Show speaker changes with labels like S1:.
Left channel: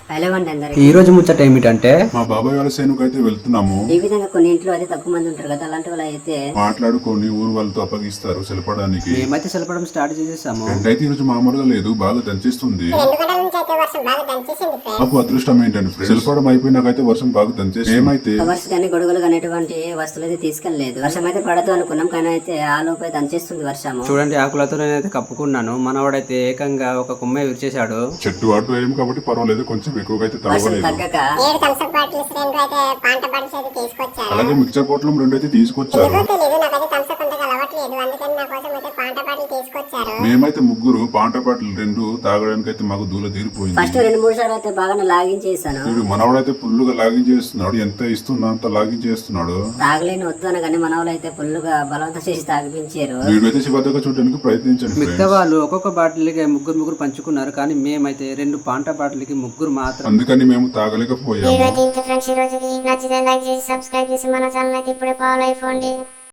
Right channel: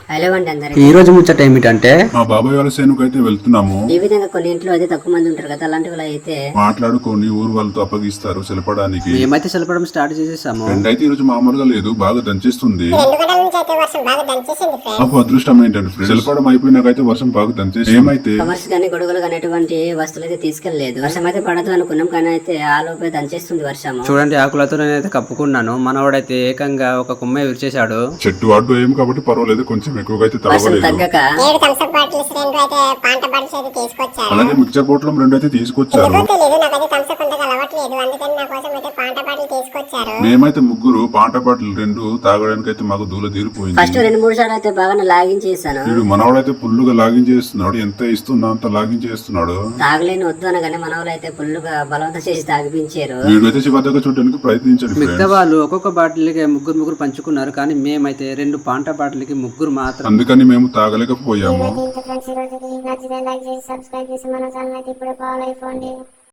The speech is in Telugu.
S1: హలో అండి అందరికి.
S2: ఈ రోజు ముచ్చట ఏమిటంటే
S3: మా బాబాయ్ వాళ్ళ సేనుకు అయితే వెళ్తున్నాము.
S1: ఈ విధంగా కొన్ని ఇంట్లో అయితే తక్కువ మంది ఉంటారు కదా, అలాంటి వాళ్ళు అయితే
S3: మాట్లాడుకొని ఊరు వాళ్ళతో అప్పగిస్తారు సెలపడానికి.
S2: మేమైతే సెలపడం స్టార్ట్ చేసేసాము.
S3: రెండైతే ఈ రోజు మామూలుగా లేదు, బాగా దంచేస్తుంది.
S4: 2 గంటల నుంచి అయితే వర్షం బాగా దంచేసింది ఫ్రెండ్స్.
S3: నాకు అదృష్టం ఏంటంటే ఫ్రెండ్స్, సెలపడం అయిపోయినాకైతే వర్షం బాగా దంచేసి ఏమైతే
S1: కవర్స్ కానీ గొడుగులు కానీ ఎటువంటి వస్తువులు అయితే తీసుకెళ్లలేదు. వర్షం అయితే పడదు అనుకున్నాం, కానీ అయితే ఆ లోపే దంచేస్తుంది వర్షం.
S2: చూడండి, ఆకులతో నేనైతే కప్పుకున్నాను. మనవాడైతే ఏకంగా ఒక కొమ్మ విరిచేశాడు.
S3: చెట్టు అడ్డు ఏం కాబట్టి పర్వాలేదు, కొంచెం ఎక్కువగా అయితే
S1: వర్షం
S3: తడవలేదు.
S1: తగ్గక
S4: 7 థమ్స్అప్ బాటిల్స్ 2 అయితే పాంట బాటిల్స్ అయితే తీసుకొచ్చారు.
S3: అలాగే మిక్చర్ బాటిల్ 2 అయితే తీసుకొచ్చారు.
S4: ఎందుకో తెలియదు, నాకైతే థమ్స్అప్ అంతగా అలవాట్లేదు, అందుకని నా కోసం అయితే పాంట బాటిల్ తీసుకొచ్చారు.
S3: మేమైతే ముగ్గురు పాంట బాటిల్ 2 తాగడానికి అయితే మాకు దూల తీరిపోయింది.
S1: ఫస్ట్ 2-3 సార్లు అయితే బాగా లాగించేసాను.
S3: వీడు మనవాడైతే ఫుల్లుగా లాగించేస్తున్నాడు. ఎంత ఇస్తున్నా అంత లాగించేస్తున్నాడు.
S1: తాగలేని వద్దు అనగానే మన వాళ్ళు అయితే ఫుల్గా బలవంతం చేసి తాగిపించారు.
S3: వీడైతే శివద్దగా చూడడానికి ప్రయత్నించండి
S2: మిగతా వాళ్ళు ఒక్కొక్క బాటిల్కి ముగ్గురు పంచుకున్నారు, కానీ మేమైతే 2 పాంట బాటిల్కి ముగ్గురు మాత్రం.
S3: అందుకని మేము తాగలేకపోయాము.
S4: ఫ్రెండ్స్, ఈ రోజు నచ్చితే లైక్ చేసి సబ్స్క్రైబ్ చేసి మన ఛానల్ అయితే ఇప్పుడే ఫాలో అయిపోండి.